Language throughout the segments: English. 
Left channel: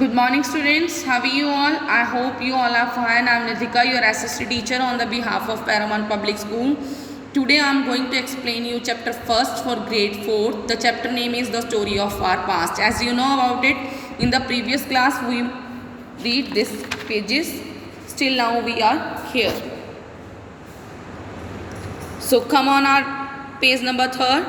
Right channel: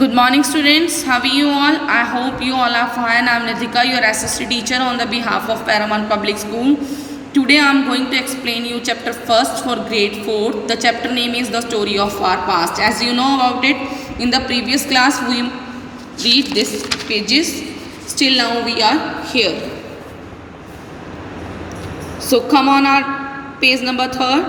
Good morning students, how are you all? I hope you all are fine. I am Nitika, your assistant teacher on the behalf of Paramount Public School. Today I am going to explain you chapter first for grade 4. The chapter name is The Story of Our Past. As you know about it, in the previous class we read these pages. Still now we are here. So come on our page number 3.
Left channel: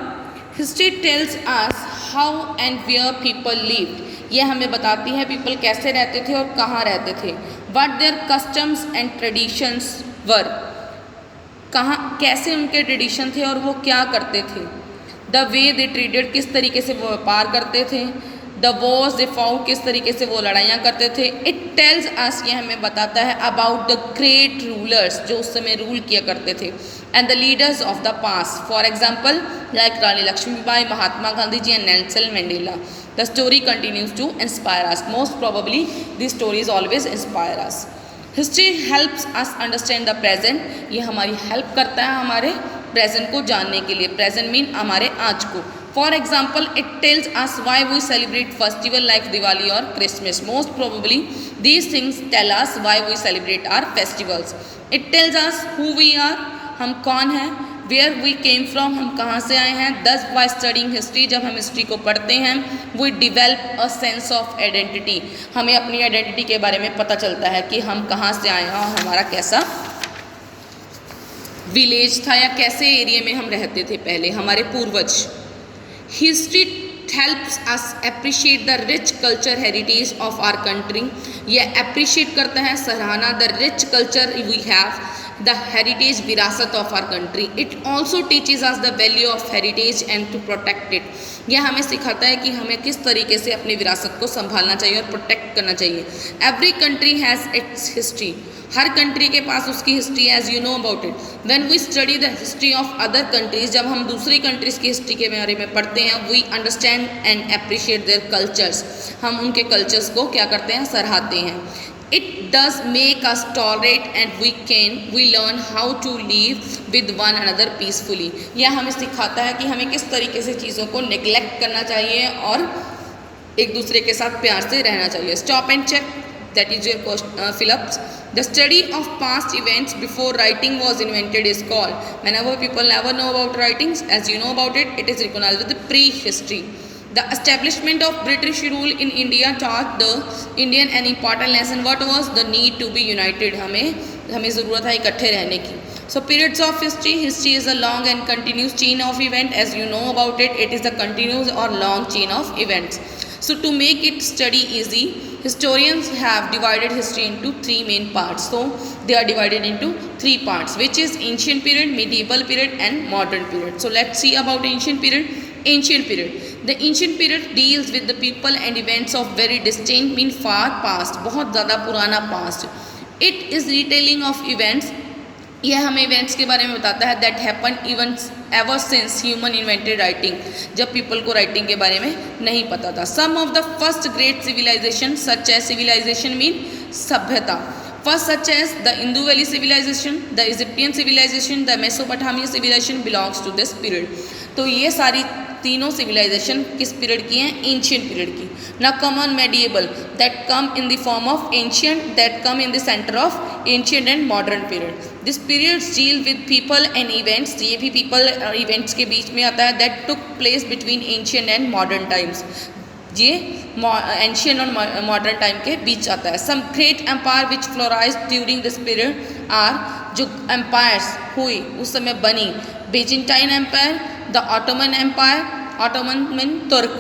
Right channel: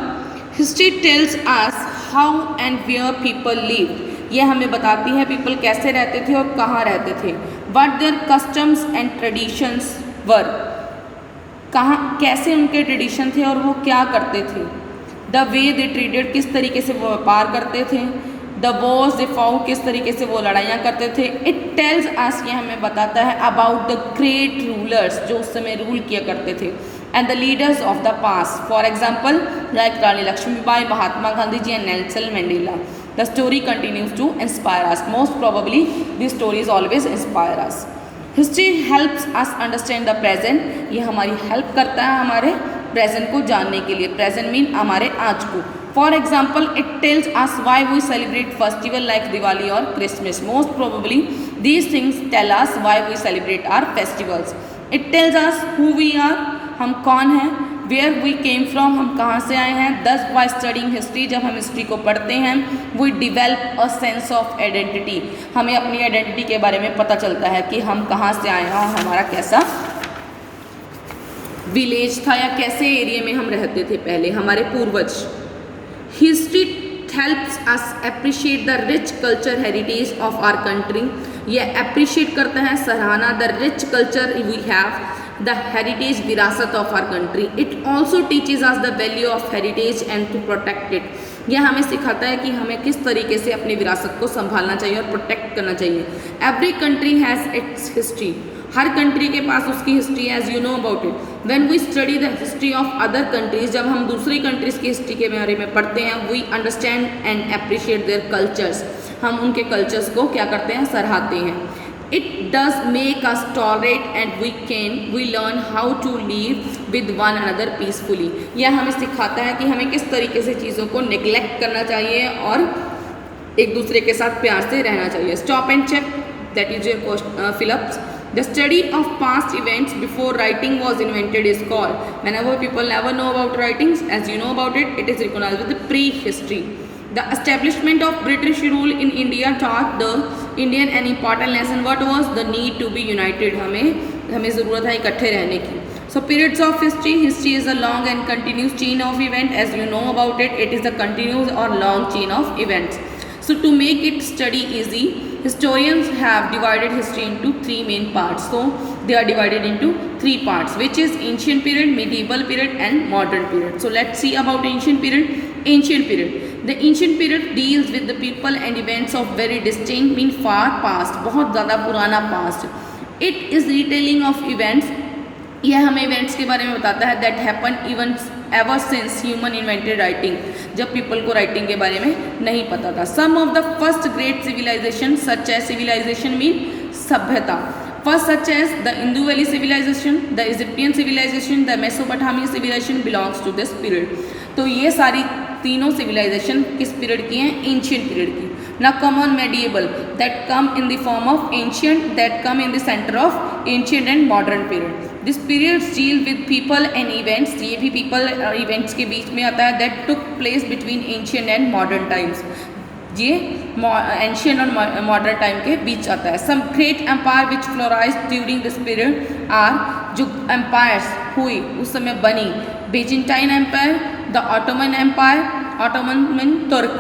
History tells us how and where people lived. ये हमें बताती है people कैसे रहते थे और कहाँ रहते थे. What their customs and traditions were. कहाँ कैसे उनके ट्रेडिशन थे और वो क्या करते थे. The way they traded, किस तरीके से वो व्यापार करते थे. The wars they fought, किस तरीके से वो लड़ाइयाँ करते थे. It tells us, ये हमें बताता है about the great rulers जो उस समय रूल किया करते थे. And the leaders of the past, for example, like Rani Lakshmibai, Mahatma Gandhi ji and Nelson Mandela. The story continues to inspire us. Most probably, these stories always inspire us. History helps us understand the present. ये हमारी help करता है हमारे present को जानने के लिए. Present mean हमारे आज को. For example, it tells us why we celebrate festival like Diwali or Christmas. Most probably, these things tell us why we celebrate our festivals. It tells us who we are. हम कौन हैं, where we came from, हम कहाँ से आए हैं. दस by studying history, जब हम हिस्ट्री को पढ़ते हैं, we develop a sense of identity. हमें अपनी आइडेंटिटी के बारे में पता चलता है कि हम कहाँ से आए हैं, हमारा कैसा विलेज था या कैसे एरिया में हम रहते थे पहले, हमारे पूर्वज. History helps us appreciate the rich culture heritage of our country. ये अप्रिशिएट करते हैं, सराहना the rich culture we have, the heritage विरासत of our country. It also teaches us the value of heritage and to protect it. यह हमें सिखाता है कि हमें किस तरीके से अपनी विरासत को संभालना चाहिए और प्रोटेक्ट करना चाहिए. Every country has its history. Her country के पास उसकी हिस्ट्री है, as you know about it. When we study the history of other countries, जब हम दूसरी कंट्रीज़ की हिस्ट्री के बारे में पढ़ते हैं, we understand and appreciate their cultures. हम उनके कल्चर्स को क्या करते हैं, सराहते हैं. It does make us tolerate and we learn how to live with one another peacefully. यह हमें सिखाता है कि हमें किस तरीके से चीज़ों को नेग्लेक्ट करना चाहिए और एक दूसरे के साथ प्यार से रहना चाहिए. Stop and check, that is your Phillips. The study of past events before writing was invented is called. Whenever people never know about writings, as you know about it, it is recognized as the pre-history. The establishment of British rule in India taught the Indian an important lesson. What was the need to be united? हमें ज़रूरत है इकट्ठे रहने की. So periods of history. History is a long and continuous chain of events. As you know about it, it is a continuous or long chain of events. So to make it study easy, historians have divided history into three main parts. So they are divided into three parts, which is ancient period, medieval period and modern period. So let's see about ancient period. Ancient period. The ancient period deals with the people and events of very distinct, mean far past, बहुत ज़्यादा पुराना past. It is retelling of events. यह हमें events के बारे में बताता है that happen even ever since human invented writing, जब पीपल को राइटिंग के बारे में नहीं पता था. Some of the first great civilization such as, civilization mean सभ्यता, first such as the Indo valley civilization, the Egyptian civilization, the Mesopotamian civilization belongs to this period. तो ये सारी तीनों सिविलाइजेशन किस पीरियड की हैं, एंशियंट पीरियड की. ना come on medieval, that come in the form of ancient, that come in the centre of ancient and modern period. This period deal with people and events. ये भी people और events के बीच में आता है. That took place between ancient and modern times. ये ancient और modern time के बीच आता है. Some great empire which flourish during this period are, जो एम्पायर्स हुई उस समय बनी, Byzantine empire, the Ottoman Empire, Ottoman mean Turk,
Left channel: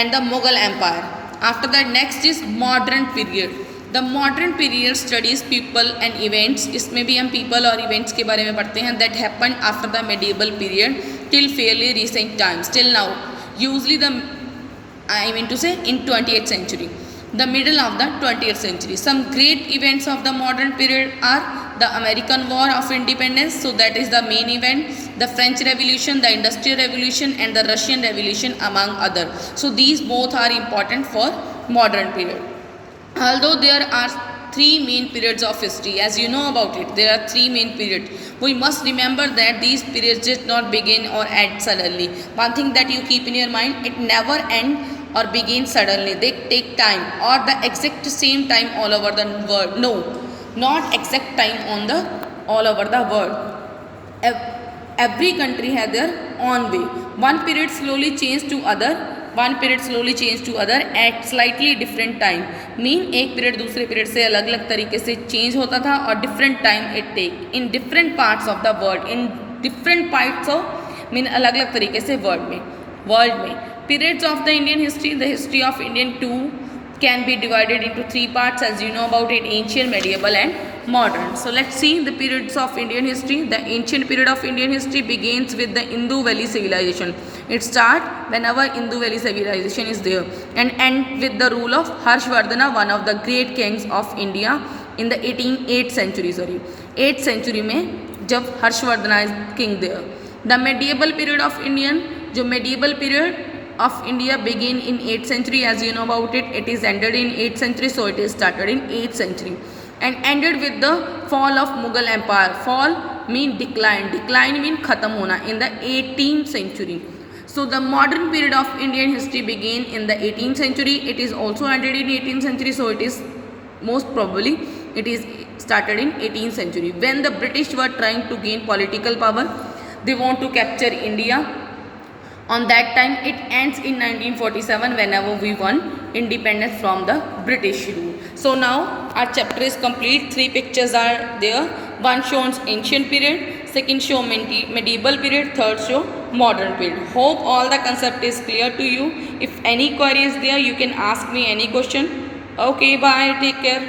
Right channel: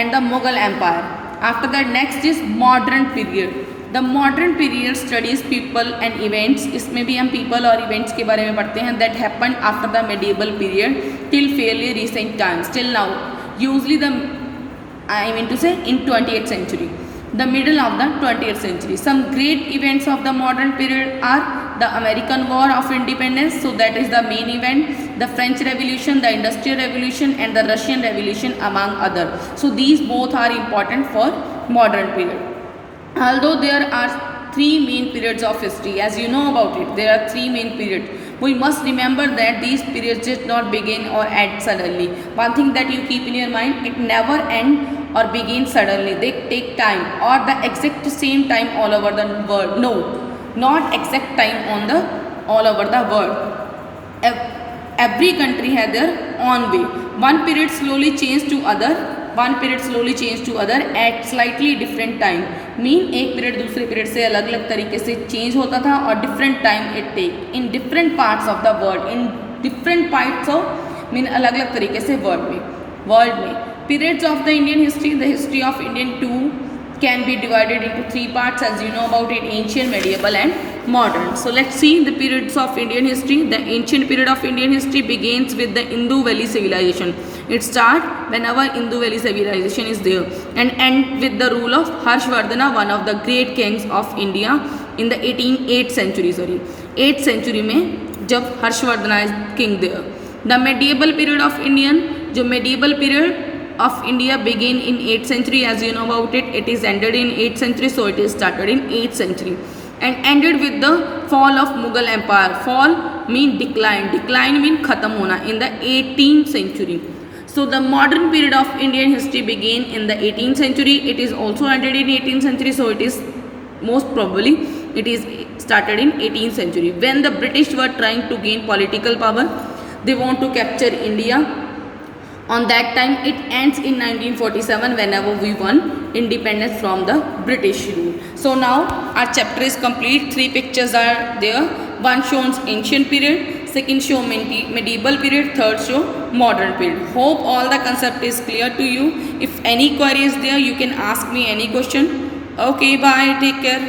and the Mughal Empire. After that, next is modern period. The modern period studies people and events. इसमें भी हम people और events के बारे में पढ़ते हैं that happened after the medieval period till fairly recent times, till now. Usually I mean to say in 20th century, the middle of the 20th century. Some great events of the modern period are the American War of Independence, so that is the main event, the French Revolution, the Industrial Revolution and the Russian Revolution among other. So these both are important for modern period. Although there are three main periods of history, as you know about it, there are three main periods. We must remember that these periods did not begin or end suddenly. One thing that you keep in your mind, it never end or begin suddenly. They take time or the exact same time all over the world. No, not exact time on the all over the world. Every country had their own way. One period slowly changed to other, at slightly different time. Mean एक period दूसरे period से अलग अलग तरीके से change होता था और different time it take in different parts of the world, in different parts of mean अलग अलग तरीके से वर्ल्ड में periods of the Indian history. The history of Indian too can be divided into three parts, as you know about it: ancient, medieval and modern. So let's see the periods of Indian history. The ancient period of Indian history begins with the Indus Valley civilization. It starts whenever Indus Valley civilization is there and end with the rule of Harshvardhana, one of the great kings of India in the 8th century में जब Harshavardhana is king there. The medieval period of Indian, जो medieval period of India began in 8th century, as you know about it. It is ended in 8th century, so it is started in 8th century and ended with the fall of Mughal Empire. Fall mean decline mean khatam hona in the 18th century. So the modern period of Indian history began in the 18th century. It is also ended in 18th century, so it is most probably it is started in 18th century when the British were trying to gain political power. They want to capture India. On that time it ends in 1947 whenever we won independence from the British rule. So now our chapter is complete. 3 pictures are there. One shows ancient period, second show medieval period, third show modern period. Hope all the concept is clear to you. If any query is there, you can ask me any question. Okay, bye, take care.